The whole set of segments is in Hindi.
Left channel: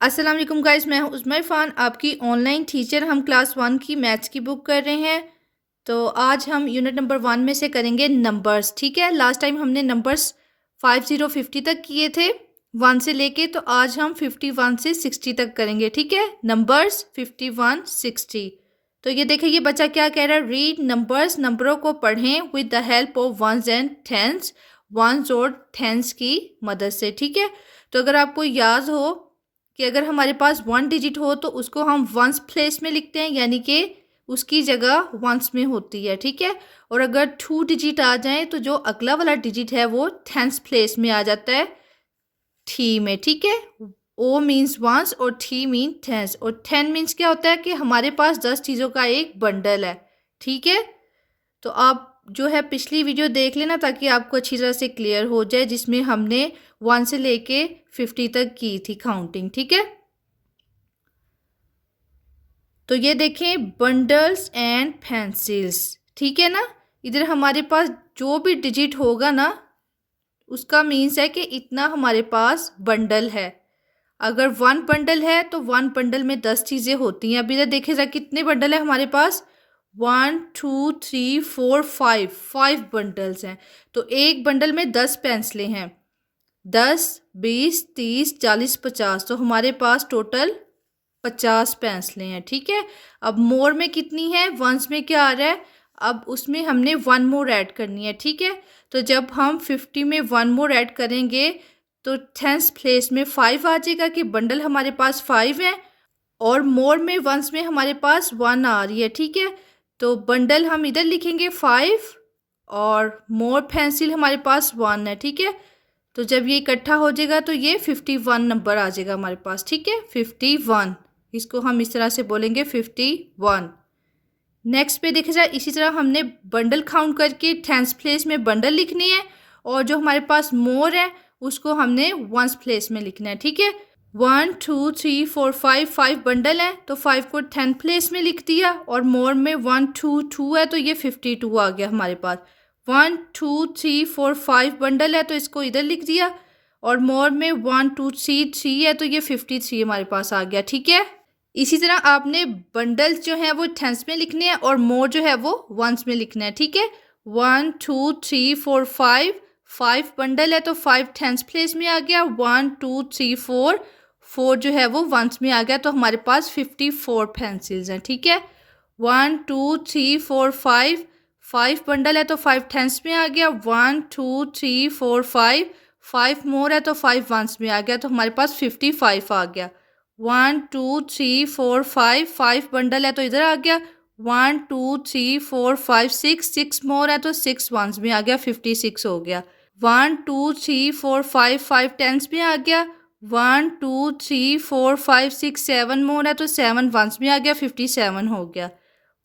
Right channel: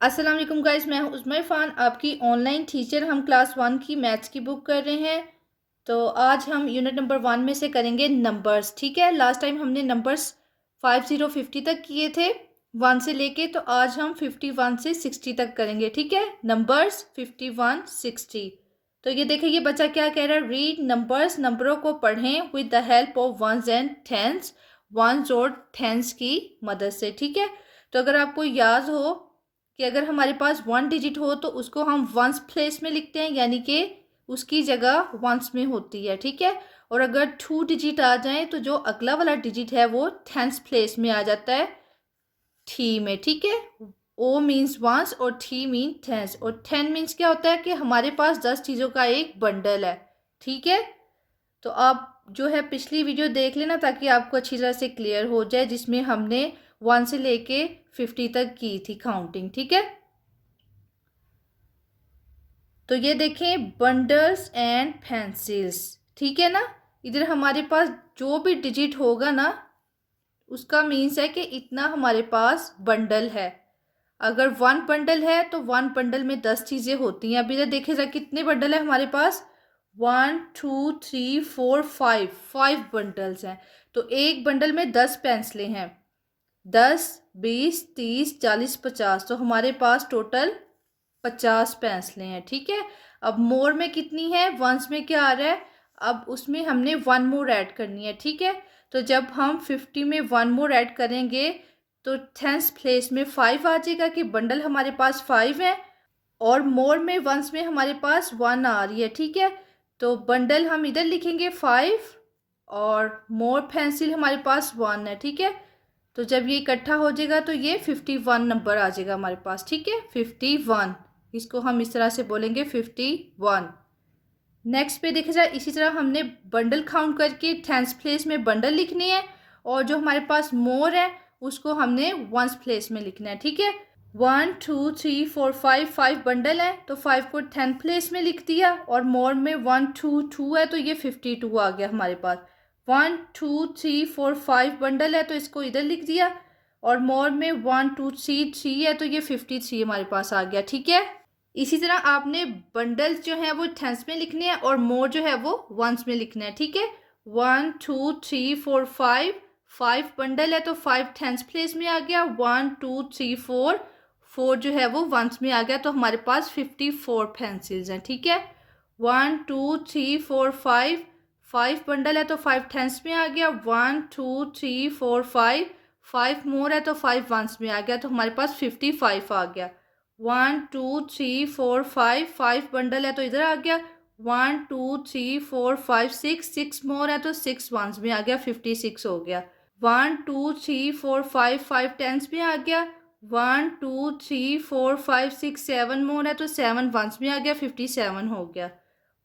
अस्सलाम वालेकुम गाइस, मैं हूं उज़मा इरफान, आपकी ऑनलाइन टीचर। हम क्लास 1 की मैथ्स की बुक कर रहे हैं। तो आज हम यूनिट नंबर 1 में से करेंगे नंबर्स। ठीक है, लास्ट टाइम हमने नंबर्स 50 तक किए थे 1 से लेके, तो आज हम 51 से 60 तक करेंगे। ठीक है, नंबर्स 51 60। तो ये देखिए, ये बच्चा क्या कह रहा है, रीड नंबर्स, नंबरों को पढ़ें with the help of ones and tens, ones और टेंस की मदद से। ठीक है, तो अगर आपको याद हो कि अगर हमारे पास 1 डिजिट हो तो उसको हम वंस प्लेस में लिखते हैं, यानी कि उसकी जगह वंस में होती है। ठीक है, और अगर 2 डिजिट आ जाए तो जो अगला वाला डिजिट है वो टेंस प्लेस में आ जाता है, थी में। ठीक है, ओ मीन्स वंस और थी मीन टेंस, और 10 मीन्स क्या होता है कि हमारे पास 10 चीज़ों का एक बंडल है। ठीक है, तो आप जो है पिछली वीडियो देख लेना ताकि आपको अच्छी तरह से क्लियर हो जाए, जिसमें हमने 1 से लेके 50 तक की थी काउंटिंग। ठीक है, तो ये देखें, बंडल्स एंड पेंसिल्स। ठीक है ना, इधर हमारे पास जो भी डिजिट होगा ना उसका मीन्स है कि इतना हमारे पास बंडल है। अगर 1 बंडल है तो 1 बंडल में 10 चीज़ें होती हैं। अभी इधर देखे जाए कितने बंडल है हमारे पास, 1 2 3 4 5, 5 बंडल्स हैं। तो एक बंडल में 10 पेंसिलें हैं, 10 20 30 40 50, तो हमारे पास टोटल 50 पेंसिलें हैं। ठीक है, अब मोर में कितनी है, वंस में क्या आ रहा है, अब उसमें हमने 1 मोर ऐड करनी है। ठीक है, तो जब हम 50 में 1 मोर ऐड करेंगे तो टेंस प्लेस में 5 आ जाएगा कि बंडल हमारे पास 5 है, और मोर में वंस में हमारे पास 1 आ रही है। ठीक है, तो बंडल हम इधर लिखेंगे 5 और मोर पेंसिल हमारे पास 1 है। ठीक है, तो जब ये इकट्ठा हो जाएगा तो ये 51 नंबर आ जाएगा हमारे पास। ठीक है, 51, इसको हम इस तरह से बोलेंगे 51। नेक्स्ट पे देखा जाए, इसी तरह हमने बंडल काउंट करके टेंस प्लेस में बंडल लिखनी है, और जो हमारे पास मोर है उसको हमने वंस प्लेस में लिखना है। ठीक है, 1 2 3 4 5, 5 बंडल है तो 5 को 10 प्लेस में लिख दिया, और मोर में 1 2 2 है तो ये 52 आ गया हमारे पास। 1 2 3 4 5 बंडल है तो इसको इधर लिख दिया, और मोर में 1 2 3 3 है तो ये 53 हमारे पास आ गया। ठीक है, इसी तरह आपने बंडल्स जो है वो टेंस में लिखने हैं और मोर जो है वो वंस में लिखना है। ठीक है, 1 2 3 4 5, 5 बंडल है तो 5 टेंस प्लेस में आ गया, 1 2 3 4, 4 जो है वो वंस में आ गया, तो हमारे पास 54 पेंसिल्स हैं। ठीक है, 1 2 3 4 5, 5 बंडल है तो 5 टेंस में आ गया, 1 2 3 4 5, 5 मोर है तो 5 वंस में आ गया, तो हमारे पास 55 आ गया। 1 2 3 4 5, 5 बंडल है तो इधर आ गया, 1 2 3 4 5 6, 6 मोर है तो 6 वंस में आ गया, 56 हो गया। 1 2 3 4 5, 5 टेंस में आ गया, 1 2 3 4 5 6 7 मोर है तो 7 वंस में आ गया, 57 हो गया।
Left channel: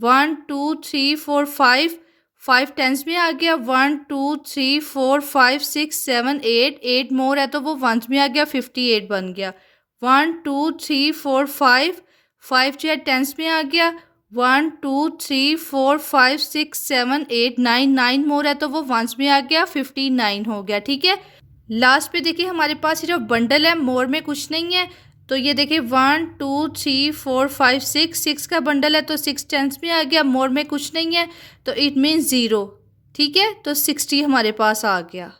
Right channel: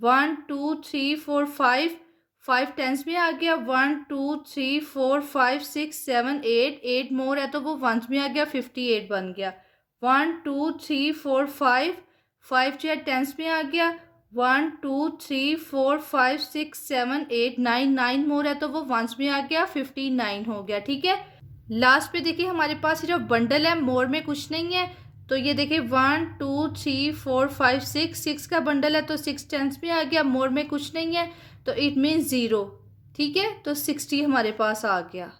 1 2 3 4 5, 5 टेंस में आ गया, 1 2 3 4 5 6 7 8, 8 मोर है तो वो वंस में आ गया, 58 बन गया। 1 2 3 4 5, 5 जो है टेंस में आ गया, 1 2 3 4 5 6 7 8 9, 9 मोर है तो वो वंस में आ गया, 59 हो गया। ठीक है, लास्ट पे देखिए हमारे पास सिर्फ बंडल है, मोर में कुछ नहीं है। तो ये देखिए 1 2 3 4 5 6, 6 का बंडल है तो 6 टेंस में आ गया, मोर में कुछ नहीं है तो इट मीन्स 0। ठीक है, तो 60 हमारे पास आ गया।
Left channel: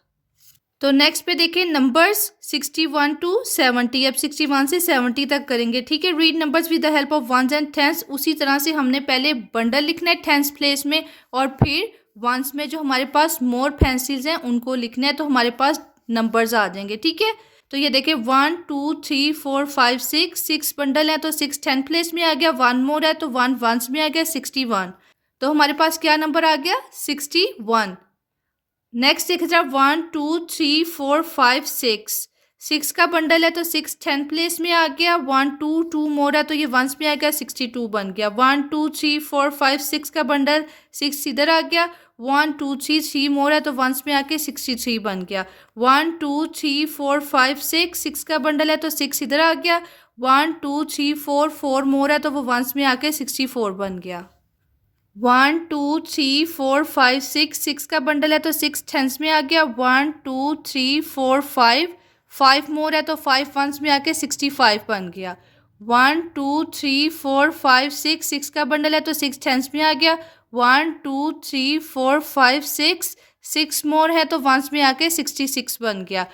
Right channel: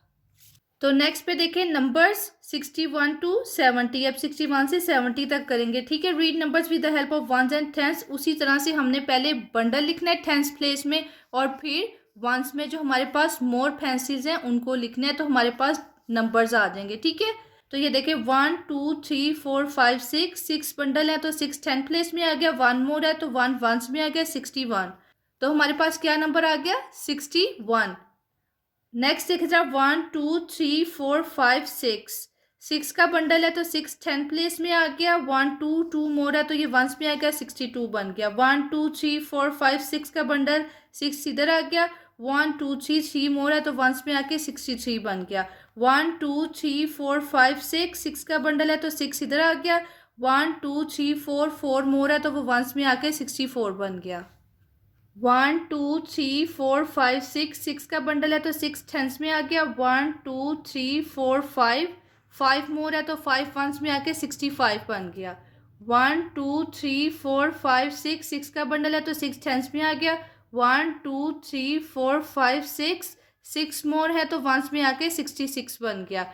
तो नेक्स्ट पे देखें नंबर्स 61 टू 70। अब 61 से 70 तक करेंगे। ठीक है, read numbers with the help of ones and tens. उसी तरह से हमने पहले बंडल लिखना है टेंस प्लेस में, और फिर वंस में जो हमारे पास मोर पेंसिल्स हैं उनको लिखना है, तो हमारे पास नंबर्स आ जाएंगे। ठीक है, तो ये देखें 1 2 3 4 5 6, 6 बंडल है तो 6 10 प्लेस में आ गया, 1 मोर है तो 1 वंस में आ गया, 61। तो हमारे पास क्या नंबर आ गया, 61। नेक्स्ट देख जरा 1 2 3 4 5 6, 6 का बंडल है तो 6 10 प्लेस में आ गया, 1 2 2 मोर है तो ये वंस में आ गया, 62 बन गया। 1 2 3 4 5 6 का बंडल, 6 इधर आ गया, 1 2 3 3 मोर है तो वंस में आके 63 बन गया। 1 2 3 4 5 6, 6 का बंडल है तो 6 इधर आ गया, 1 2 3 4 4 मोर है तो वो वंस में आके 64 बन गया। 1 2 3 4 5 6, 6 का बंडल है तो 6 टेंस में आ गया, 1 2 3 4 5, 5 मोर है तो 5 वंस में आके 65 बन गया। 1 2 3 4 5 6, 6 का बंडल है तो 6 टेंस में आ गया। 1 2 3 4 5 6, 6 मोर है तो वंस में आके 66 बन गया।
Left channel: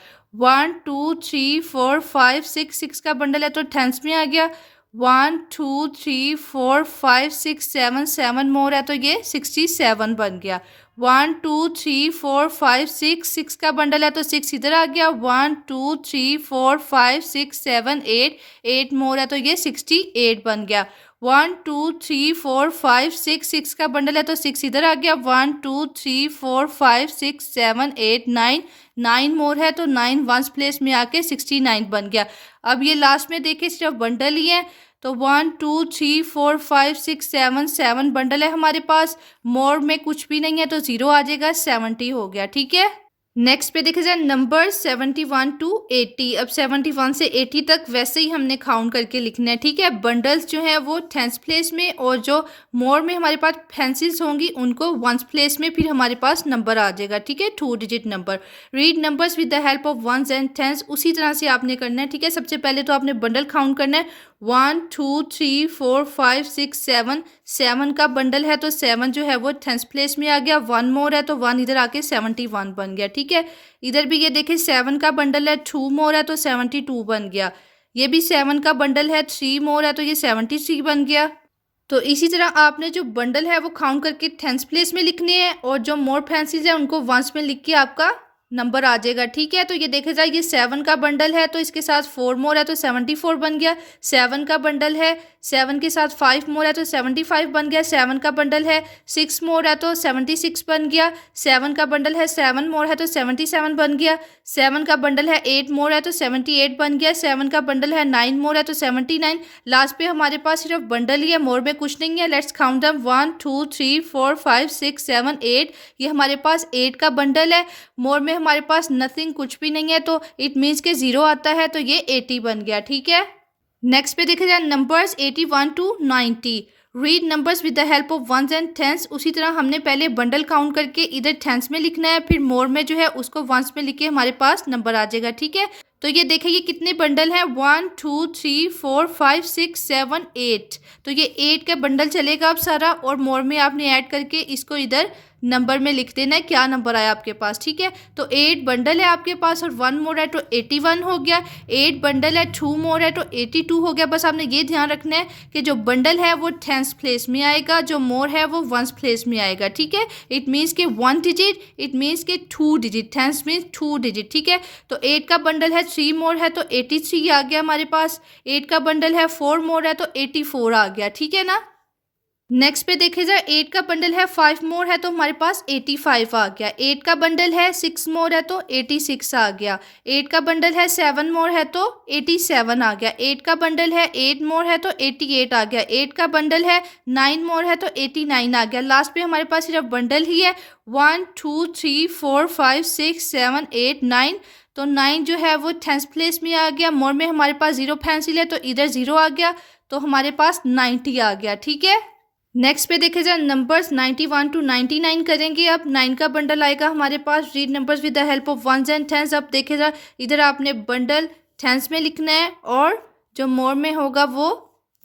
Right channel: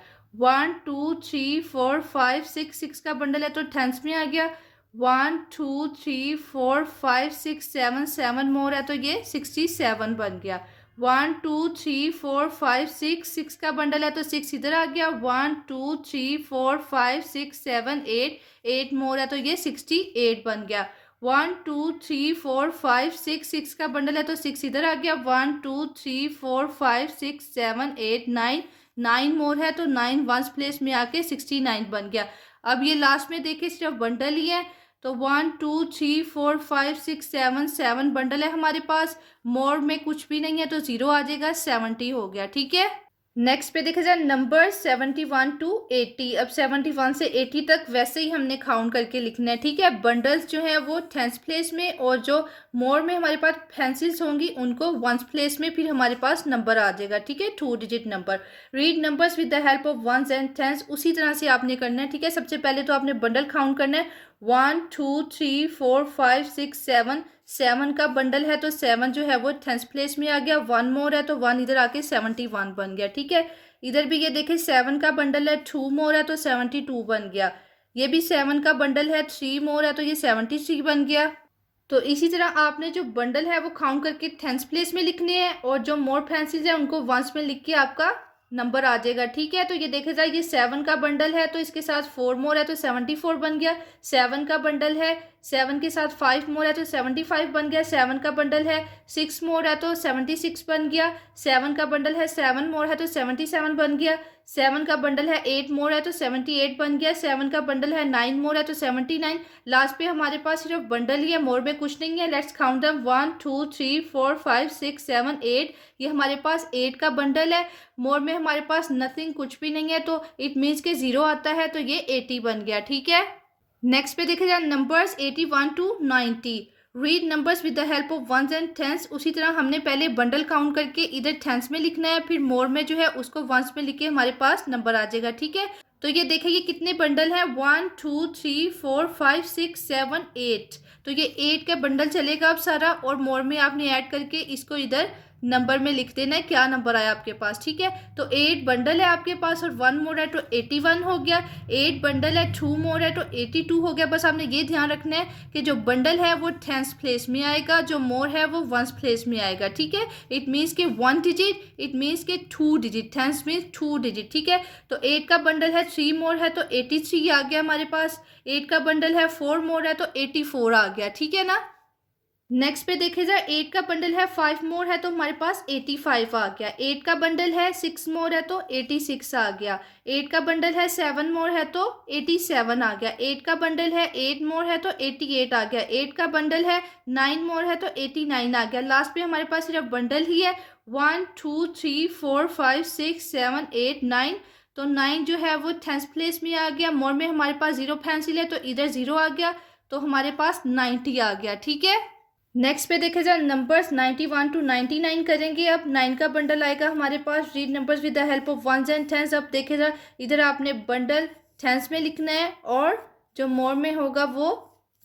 1 2 3 4 5 6, 6 का बंडल है तो टेंस में आ गया। 1 2 3 4 5 6 7, 7 मोर है तो ये 67 बन गया। 1 2 3 4 5 6, 6 का बंडल है तो 6 इधर आ गया। 1 2 3 4 5 6 7 8, 8 मोर है तो ये 68 बन गया। 1 2 3 4 5 6, 6 का बंडल है तो 6 इधर आ गया। 1 2 3 4 5 6 7 8 9, 9 मोर है तो 9 वंस प्लेस में आके 69 बन गया। अब ये लास्ट में देखिए सिर्फ बंडल ही है तो 1 2 3 4 5 6 7, 7 बंडल है हमारे पास। मोर में कुछ भी नहीं है तो 0 आ जाएगा, 70 हो गया। ठीक है, नेक्स्ट पे देखा जाए नंबर 71 टू 80। अब 71 से 80 तक वैसे ही हमने काउंट करके लिखना है। ठीक है, बंडल्स जो है वो टेंस प्लेस में और जो मोर में हमारे पास पेंसिल्स होंगी उनको वंस प्लेस में, फिर हमारे पास नंबर आ जाएगा। ठीक है, 2 digit number. Read numbers with the help of ones and tens, उसी तरह से आपने करना है। ठीक है, सबसे पहले तो आपने बंडल काउंट करना है। 1 2 3 4 5 6 7, 7 का बंडल है तो 7 जो है वो टेंस प्लेस में आ गया। 1 मोर है तो 1 इधर आके 71 बन गया। ठीक है, इधर भी ये देखिए 7 का बंडल है, 2 मोर है तो 72 बन गया। ये भी 7 का बंडल है, 3 मोर है तो ये 73 बन गया। तो इसी तरह आपने जो बंडल है वो काउंट करके टेंस प्लेस में लिखने हैं और जो मोर पेंसिल्स है उनको वंस में लिख के आपका नंबर आ जाएगा। ठीक है, तो ये देखा जाए ये 7 का बंडल है तो इसके साथ 4 मोर है तो 74 बन गया। 7 का बंडल है, 7 के साथ 5 मोर है तो 75 बन गया। 7 का बंडल है, 6 मोर है तो 76 बन गया। 7 का बंडल है, 7 मोर है तो 77 बन गया। 7 का बंडल है, 8 मोर है तो 78 बन गया। 7 का बंडल है, 9 मोर है तो 79। लास्ट पे हमारे पास सिर्फ बंडल ही है, मोर में कुछ नहीं है। Let's count them 1 2 3 4 5 6 7 8। ये हमारे पास 8 का बंडल है, मोर में हमारे पास नथिंग कुछ भी नहीं है तो इट मीन्स के 0 आता है तो ये 80 बन गया। ठीक है, नेक्स्ट पे देखे जाए numbers 81 to 90। Read numbers with the help of ones and tens, उसी तरह हमने पहले बंडल काउंट करके इधर टेंस में लिखना है, फिर मोर में जो है उसको वंस में लिख के हमारे पास नंबर आ जाएगा। ठीक है, तो ये देखिए ये कितने बंडल हैं, 1 2 3 4 5 6 7 8। तो ये 8 का बंडल चलेगा अब सारा, और मोर में आपने ऐड करके इसको इधर नंबर में लिख देना है क्या नंबर आया आपके पास। ठीक है, तो 8 बंडल है आपके पास और 1 मोर है तो 81 हो गया। 8 बंडल है, 2 मोर है तो 82 हो गया। बस आपने ये ध्यान रखना है कि जो बंडल है वो टेंस प्लेस में आएगा, जो मोर है वो वंस प्लेस में आएगा। ठीक है, इट मीन्स के 1 डिजिट, इट मीन्स के 2 डिजिट, टेंस मीन्स 2 डिजिट। ठीक है, तो 8 का बंडल है, 3 मोर है तो 83 आ गया हमारे पास। 8 का बंडल है, 4 मोर है तो 84 आ गया। ठीक है ना, नेक्स्ट पे देखे जाए 8 का बंडल है, 5 मोर है तो हमारे पास 85 आ गया। 8 का बंडल है, 6 मोर है तो 86 आ गया। 8 का बंडल है, 7 मोर है तो 87 आ गया। 8 का बंडल है, 8 मोर है तो 88 आ गया। 8 का बंडल है, 9 मोर है तो 89 आ गया। लास्ट पे हमारे पास सिर्फ बंडल ही है, 1 2 3 4 5 6 7 8 9। तो 9 जो है वो टेंस प्लेस में आ गया। मोर में हमारे पास 0 पेंसिल है तो इधर 0 आ गया, तो हमारे पास 90 आ गया। ठीक है, नेक्स्ट पे देखे जाए नंबर्स 91 टू 99 करेंगे। अब 9 का बंडल आएगा हमारे पास। Read numbers with the help of ones and tens. अब देखे जाए इधर आपने बंडल टेंस में लिखना है और जो मोर में होगा वो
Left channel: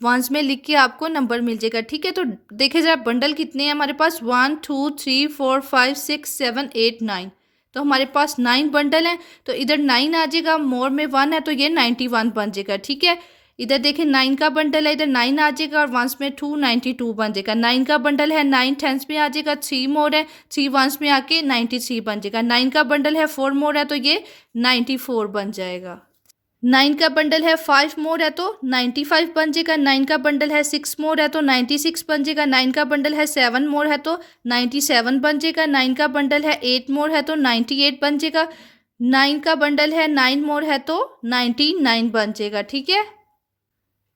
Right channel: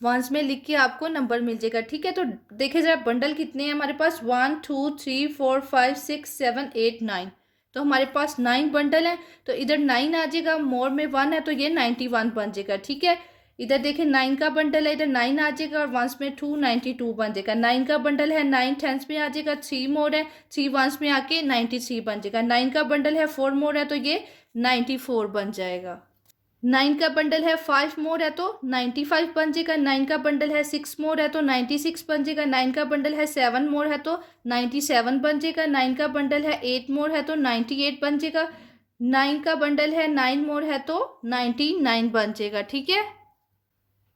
वंस में लिख के आपको नंबर मिल जाएगा। ठीक है, तो देखे जाए बंडल कितने हैं हमारे पास, 1 2 3 4 5 6 7 8 9। तो हमारे पास 9 बंडल हैं, तो इधर 9 आ जाएगा, मोर में 1 है तो ये 91 बन जाएगा। ठीक है, इधर देखें 9 का बंडल है, इधर 9 आ जाएगा और वंस में 2 92 बन जाएगा। 9 का बंडल है, 9 टेंस में आ जाएगा, 3 मोर है, 3 वंस में आके 93 बन जाएगा। 9 का बंडल है, 4 मोर है तो ये 94 बन जाएगा। 9 का बंडल है, 5 मोर है तो 95 बन जाएगा। 9 का बंडल है, 6 मोर है तो 96 बन जाएगा। 9 का बंडल है, 7 मोर है तो 97 बन जाएगा। 9 का बंडल है, 8 मोर है तो 98 बन जाएगा। 9 का बंडल है, 9 मोर है तो 99 बन जाएगा। ठीक है,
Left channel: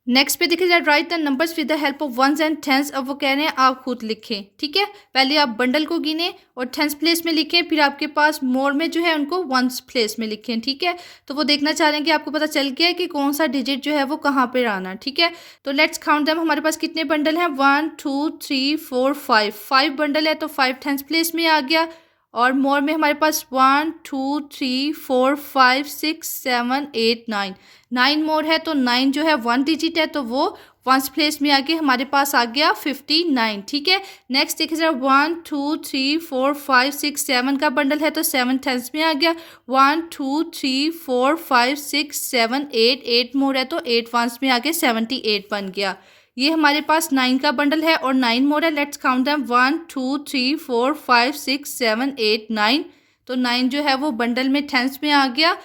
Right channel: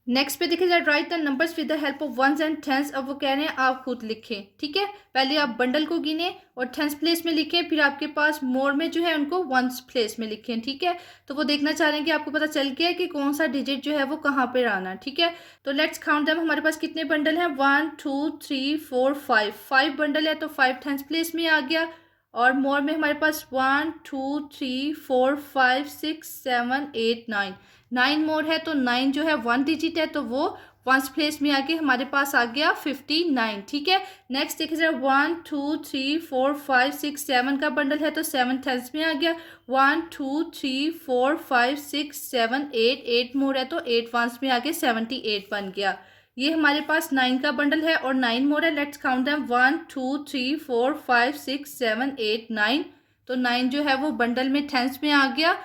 नेक्स्ट पे देखिए write the numbers with the help of ones and tens. अब वो कह रहे हैं आप खुद लिखें। ठीक है, पहले आप बंडल को गिने और टेंस प्लेस में लिखें, फिर आपके पास मोर में जो है उनको वंस प्लेस में लिखें। ठीक है, तो वो देखना चाह रहे हैं कि आपको पता चल गया है कि कौन सा डिजिट जो है वो कहाँ पे आना। ठीक है, तो लेट्स काउंट देम। हमारे पास कितने बंडल हैं, 1 2 3 4 5। 5 बंडल है तो 5 टेंस प्लेस में आ गया और मोर में हमारे पास 1 2 3 4 5 6 7 8 9 9 मोर है, तो 9 जो है 1 डिजिट है, तो वो वंस प्लेस में आके हमारे पास आ गया 59। ठीक है, नेक्स्ट देखिए जरा 1 2 3 4 5 6 7 का बंडल है, तो 7 टेंस में आ गया। 1 2 3 4 5 6 7 8 8 मोर है, तो 8 वंस में आके 78 बन गया। ये हमारे पास 9 का बंडल है और 9 मोर है। Let's count them 1 2 3 4 5 6 7 8 9। तो 9 जो है वो बंडल में टेंस में आ गया।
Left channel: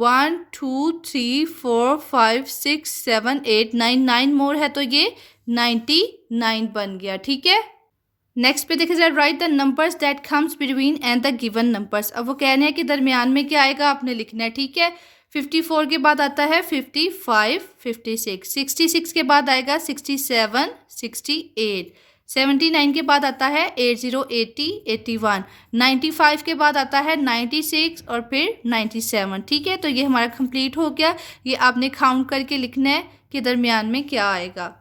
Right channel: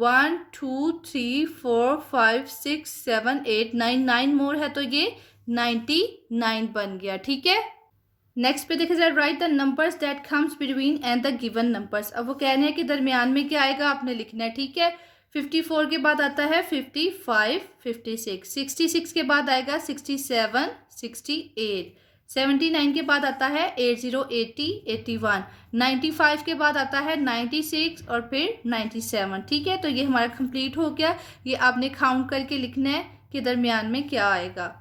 1 2 3 4 5 6 7 8 9 9 मोर है, तो ये 99 बन गया। ठीक है, नेक्स्ट पे देखिए जरा right the numbers that comes between and the given numbers. अब वो कह रहे हैं कि दरमियान में क्या आएगा, आपने लिखना है। ठीक है, 54 के बाद आता है 55 56, 66 के बाद आएगा 67 68, 79 के बाद आता है 80 80 81, 95 के बाद आता है 96 और फिर 97। ठीक है, तो ये हमारा कंप्लीट हो गया। ये आपने काउंट करके लिखना है कि दरमियान में क्या आएगा।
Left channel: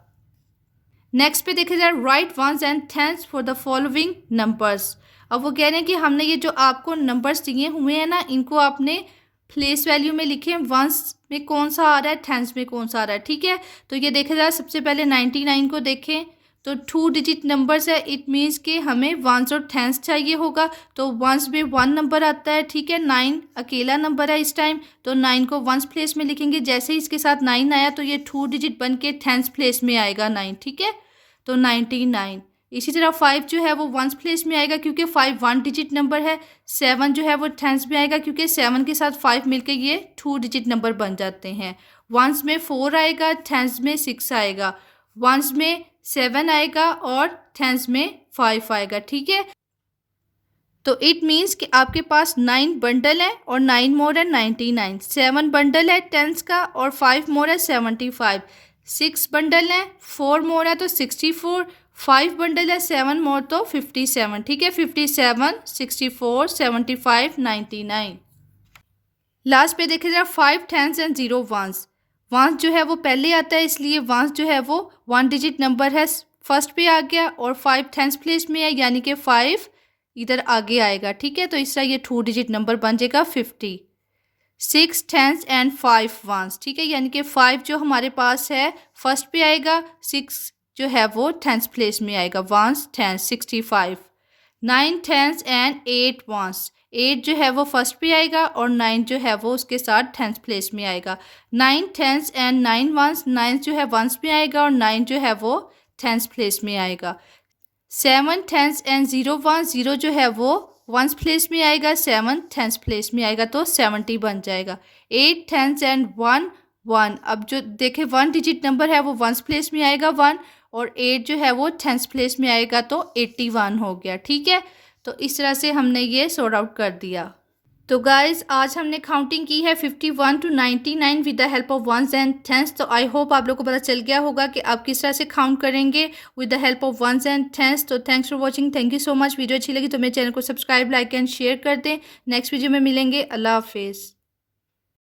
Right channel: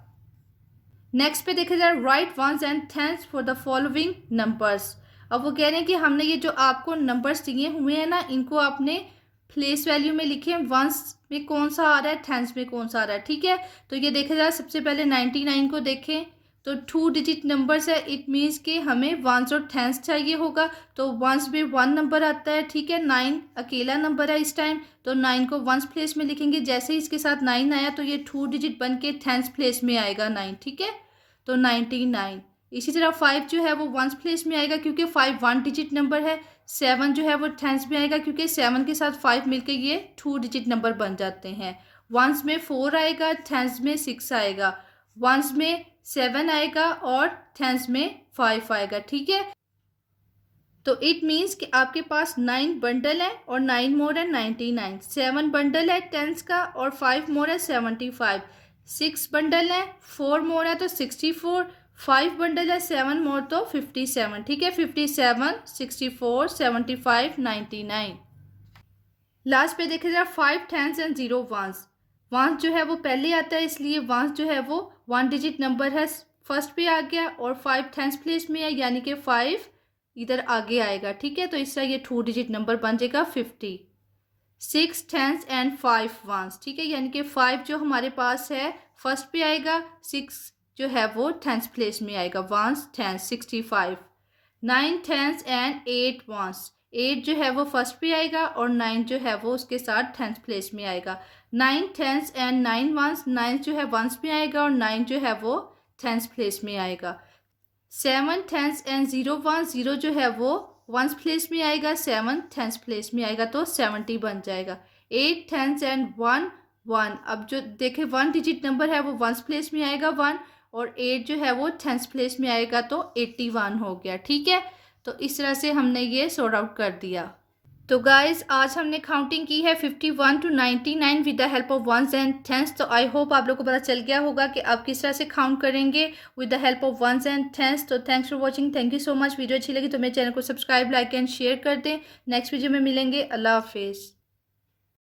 नेक्स्ट पे देखा जाए write ones and tens for the following numbers. अब वो कह रहे हैं कि हमने ये जो आपको नंबर्स दिए हुए हैं ना, इनको आपने प्लेस वैल्यू में लिखे। वंस में कौन सा आ रहा है, टेंस में कौन सा आ रहा है। ठीक है, तो ये देखा जाए सबसे पहले 99 को देखें, तो 2 डिजिट नंबर्स है। इट मीन्स कि हमें वंस और टेंस चाहिए होगा, तो वंस में 1 नंबर आता है। ठीक है, 9 अकेला नंबर है इस टाइम, तो 9 को वंस प्लेस में लिखेंगे। जैसे ही इसके साथ 9 आया तो ये 2 डिजिट बन के टेंस प्लेस में आएगा 9। ठीक है, तो 99। इसी तरह 5 जो है वो वंस प्लेस में आएगा क्योंकि 5 1 डिजिट नंबर है। 7 जो है वो टेंस में आएगा क्योंकि 7 के साथ 5 मिलकर ये 2 डिजिट नंबर बन जाते हैं। वंस में 4 आएगा, टेंस में 6 आएगा, वंस में 7 आएगा और टेंस में 5 आएगा। ठीक है, तो इट मीन्स कि आपके पास 9 बंडल है और 9 मोर है 99। 7 बंडल है टेंस का और 5 मोर है 75। 6 बंडल है, 4 मोर है तो 64। 5 बंडल है, 7 मोर तो 57। ठीक है, 57 64 75 99। लास्ट पे देखिए जरा 5 टेंस एंड 0 वंस। वंस जो है वो पहले आता है, इसलिए वंस जो है वो 1 डिजिट नंबर है, फर्स्ट पे आ गया और 5 टेंस प्लेस में है, यानी कि 5 इधर आगे आएगा। ठीक है, तो इस तरह ये 2 डिजिट नंबर बन जाएगा 50। 6 टेंस एंड 5 वंस। ठीक है, यानी कि 5 जो हमारे पास है फर्स्ट पे आएगा, 6 जो है वो टेंस प्लेस में आएगा, ones tens 65। 9 tens and 8 ones. 8 जो है वो फर्स्ट पे आएगा और 9 जो है वो उसके साथ टेंस प्लेस में आएगा। 9 टेंस एंड 9 वंस। 9 जो है वंस में आएगा और 9 जो है वो टेंस प्लेस में आएगा। 7 टेंस एंड 0 वंस। 0 जो है वो वंस प्लेस में आएगा, 7 टेंस प्लेस में आएगा, तो 70 बन जाएगा। 8 टेंस एंड 1 1। अब जो देखे 1 डिजिट नंबर है वो वंस प्लेस में आएगा 1, और 8 जो है वो टेंस प्लेस में आएगा, तो 81 हो गया। ठीक है, तो इस तरह से हमने ये सॉर्ट आउट कर दिया। तो गाइज आज हमने काउंटिंग की है 51 to 99 with the help of ones and tens. तो आई होप आप लोग को पता चल गया होगा कि आप किस तरह से काउंट करेंगे with the help of ones and tens. तो thanks for watching, thank you so much. Video अच्छी लगी तो मेरे चैनल को सब्सक्राइब, लाइक एंड शेयर कर दें। नेक्स्ट वीडियो में मिलेंगे। अल्लाह हाफिज़।